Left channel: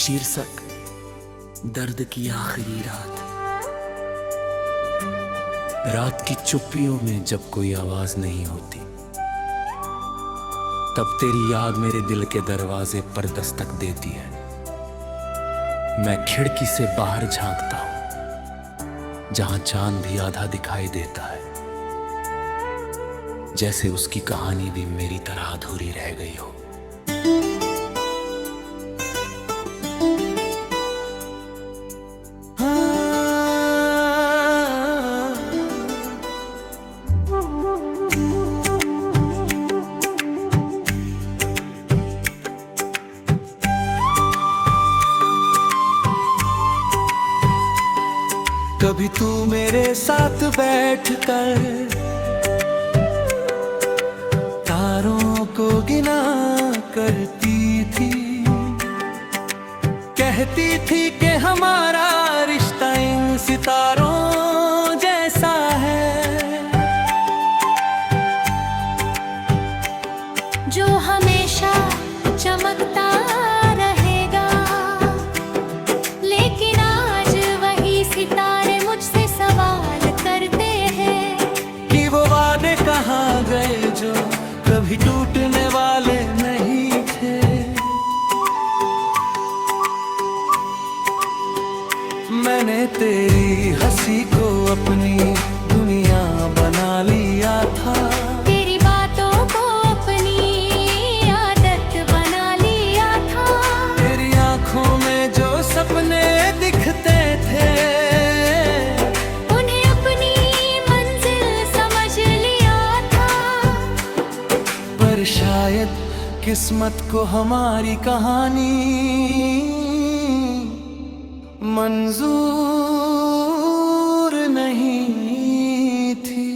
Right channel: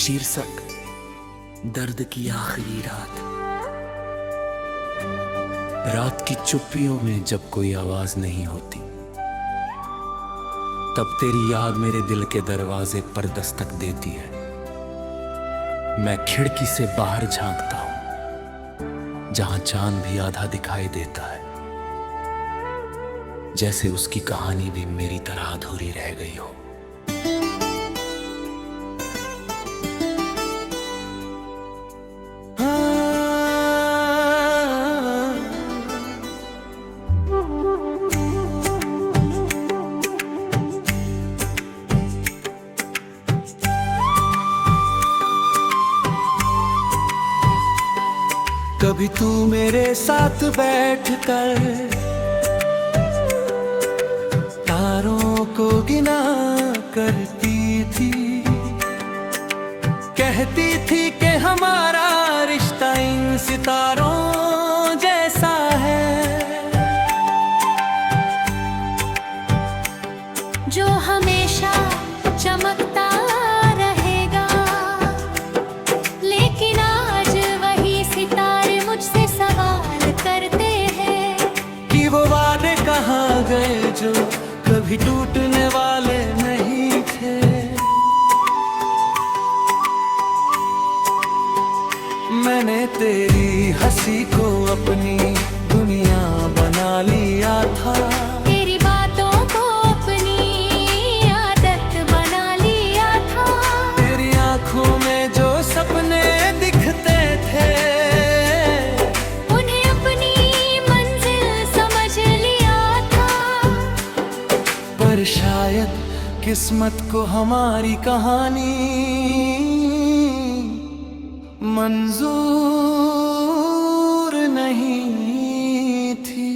शीर्षक दर्द की आखिरी रात। रात की चुप्पियों में जब कोई आवाज नहीं होती, तब तेरी याद मेरे दिल के दरवाजे पर दस्तक देती है। मैं खिड़की से बाहर झांकता हूं, जहां चांद भी आधा दिखाई देता है, जैसे उसकी कहानी भी मेरी तरह अधूरी रह गई हो। कभी तू मेरे साथ बैठकर तारों को गिना करती थी, कहती थी कि हमारा रिश्ता इन सितारों जैसा है, जो हमेशा चमकता रहेगा। लेकिन आज वही सितारे मुझसे सवाल करते हैं कि वो वादे कहाँ गए जो कभी टूटने वाले नहीं थे। मैंने तेरी हंसी को अपनी दुनिया बना लिया था, तेरी बातों को अपनी आदत बना लिया था। तेरी आंखों में जो सपने दिखते थे, उन्हें अपनी मंजिल समझ लिया था। पर शायद किस्मत को हमारी कहानी मंजूर नहीं थी।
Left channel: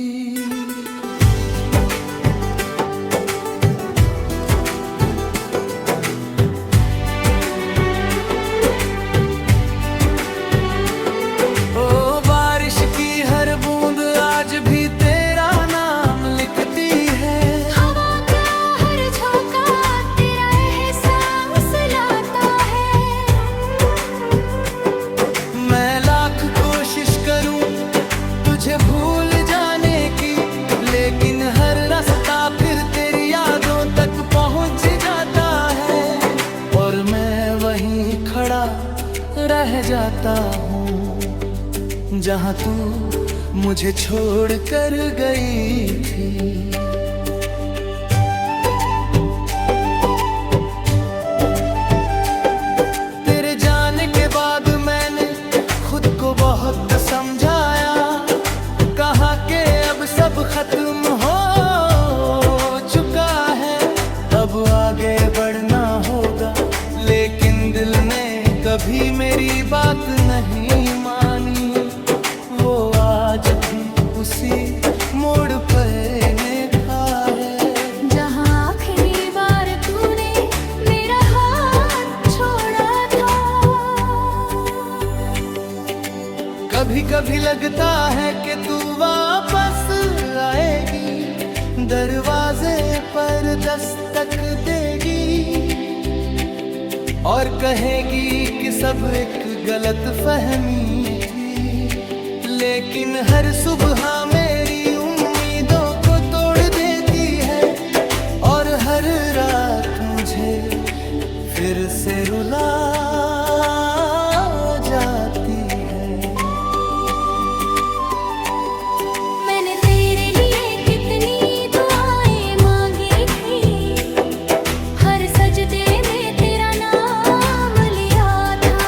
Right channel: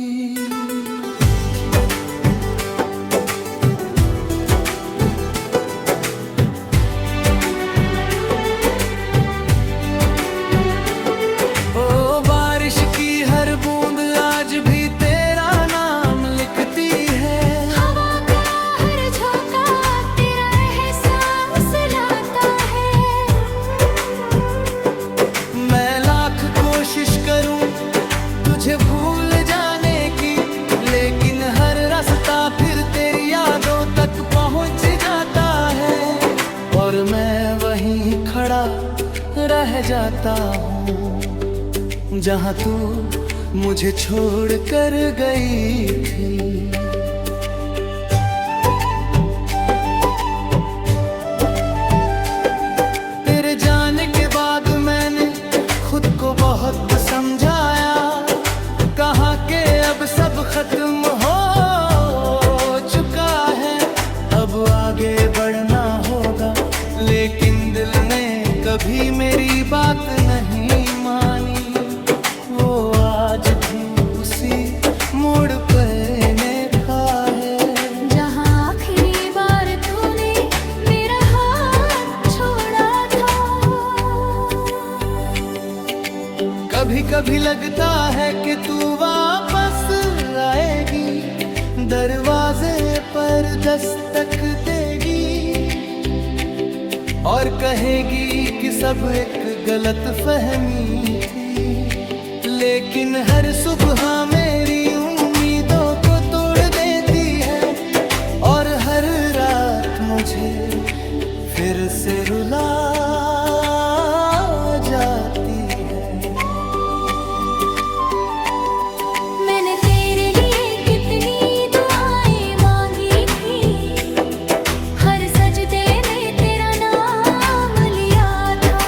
ओ बारिश की हर बूंद आज भी तेरा नाम लिखती है, हवा का हर झोंका तेरा एहसास लाता है। मैं लाख कोशिश करूं तुझे भूल जाने की, लेकिन हर रास्ता फिर तेरी यादों तक पहुंच जाता है, और मैं वहीं खड़ा रह जाता हूँ जहाँ तू मुझे छोड़ कर गई थी। तेरे जाने के बाद मैंने खुद को बहुत समझाया, कहा कि अब सब खत्म हो चुका है, अब आगे बढ़ना होगा। लेकिन दिल ने कभी मेरी बात नहीं मानी, वो आज भी उसी मोड़ पर खा है, जहाँ आखिरी बार तूने मेरा हाथ छोड़ा था। कभी कभी लगता है कि तू वापस आएगी, दरवाजे पर दस्तक देगी और कहेगी कि सब एक गलत फहमी थी। लेकिन हर सुबह मेरी उम्मीदों को तोड़ देती है, और हर रात मुझे फिर से रुला जाती है। मैंने तेरे लिए कितनी दुआएं मांगी थी, हर सजदे में तेरा नाम लिया था।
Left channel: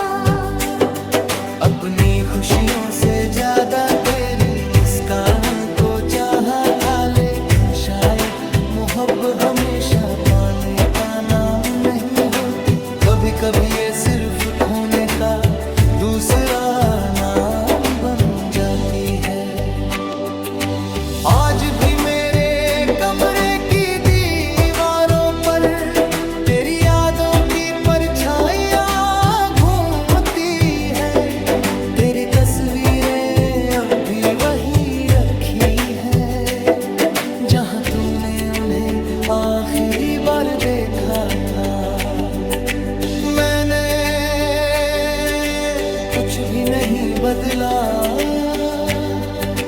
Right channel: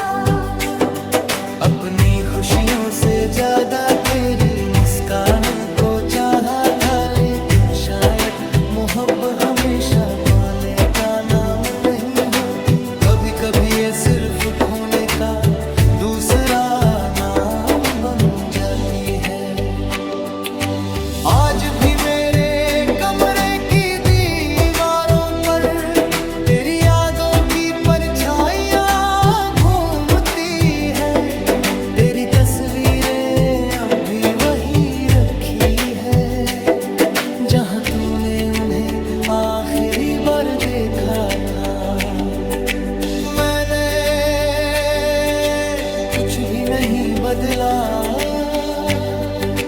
अपनी खुशियों से ज्यादा तेरी मुस्कान को चाहा था, लेकिन शायद मोहब्बत हमेशा पाने का नाम नहीं होती। कभी कभी ये सिर्फ खोने का दूसरा नाम बन जाती है। आज भी मेरे कमरे की दीवारों पर तेरी यादों की परछाइयाँ घूमती है, तेरी तस्वीरें अब भी वही रखी है, जहाँ तूने उन्हें आखिरी बार देखा था। मैंने कुछ भी नहीं बदला,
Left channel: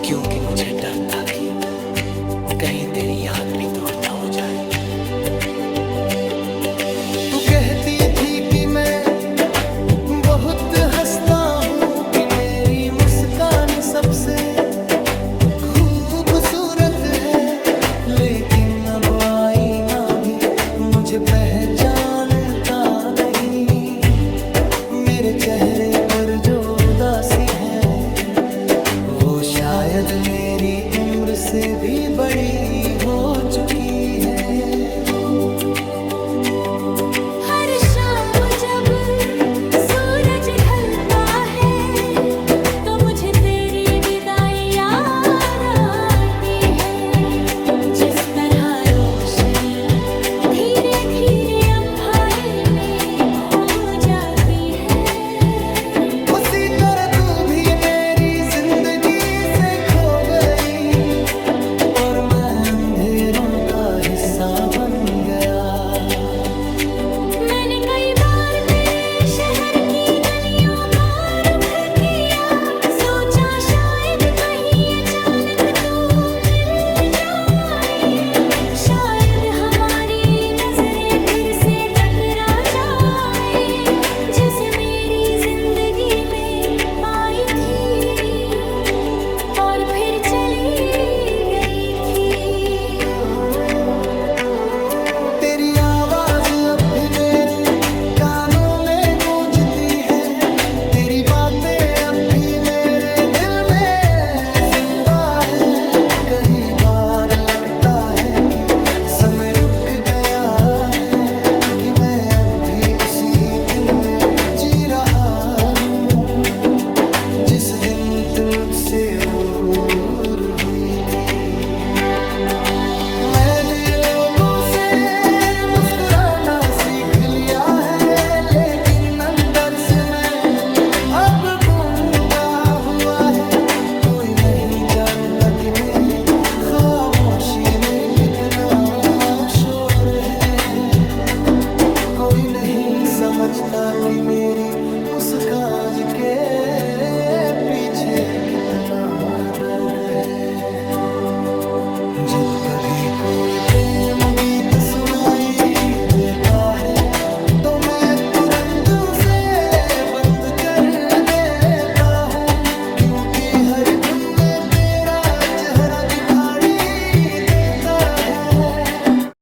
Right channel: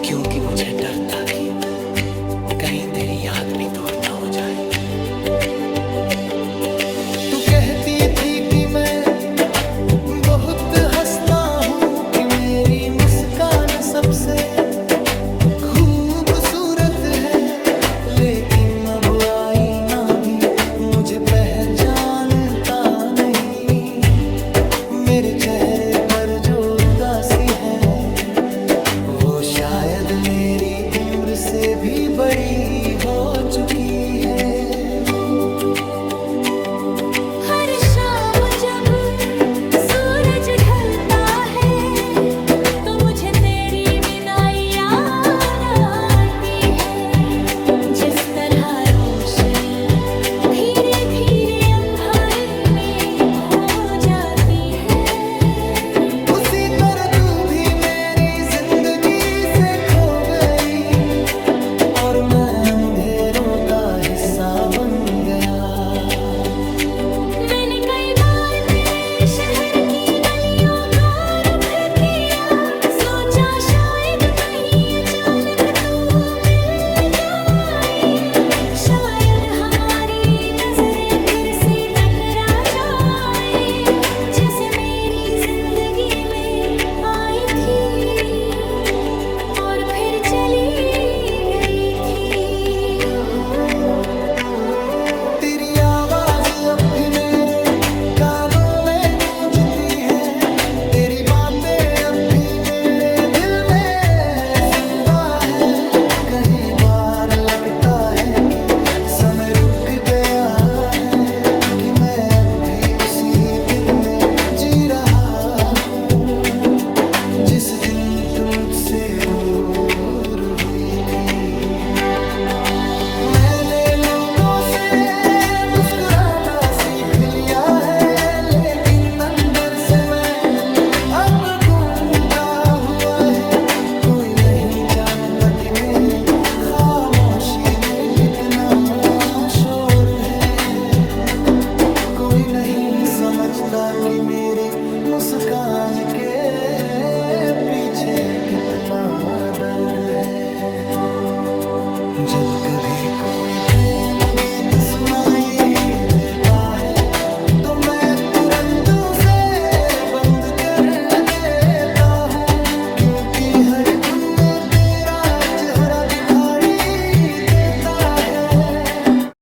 क्योंकि मुझे डर था कि कहीं तेरी याद भी दूर न हो जाए। तू कहती थी कि मैं बहुत हंसता हूँ, कि मेरी मुस्कान सबसे खूबसूरत है, लेकिन अब आईना भी मुझे पहचानता नहीं। मेरे चेहरे पर जो उदासी है, वो शायद मेरी उम्र से भी बड़ी हो चुकी है। हर शाम जब सूरज ढलता है, तो मुझे तेरी विदाई याद आती है। जिस तरह रोशनी धीरे धीरे अंधारे में खो जाती है, उसी तरह तू भी मेरी जिंदगी से खो गई, और मैं अंधेरों का हिस्सा बन गया। मैंने कई बार तेरे शहर की गलियों का रुख किया, सोचा शायद कहीं अचानक तू मिल जाए, शायद हमारी नजरें फिर से टकरा जाए, जैसे मेरी जिंदगी में आई थी और फिर चली गई थी। तेरी आवाज अब भी मेरे कानों में गूंजती है, तेरी बातें अब भी मेरे दिल में जिंदा है। कई बार लगता है कि समय रुक गया है, कि मैं अब भी उसी दिन में जी रहा हूँ, जिस दिन तुम मुझसे दूर हुई थी। मैंने लोगों से मुस्कुराना सीख लिया है, लेकिन अंदर से मैं अब गूंगा हुआ है। कोई नहीं जानता कि मेरी खामोशी में कितना शोर है, कोई नहीं समझता कि मेरी मुस्कान के पीछे कितना दर्द है। जब कभी कोई प्रेम गीत सुनाई देता है, तो मैं तुरंत उसे बंद कर देता हूँ, क्योंकि हर धुन में तेरा चेहरा दिखाई देता है।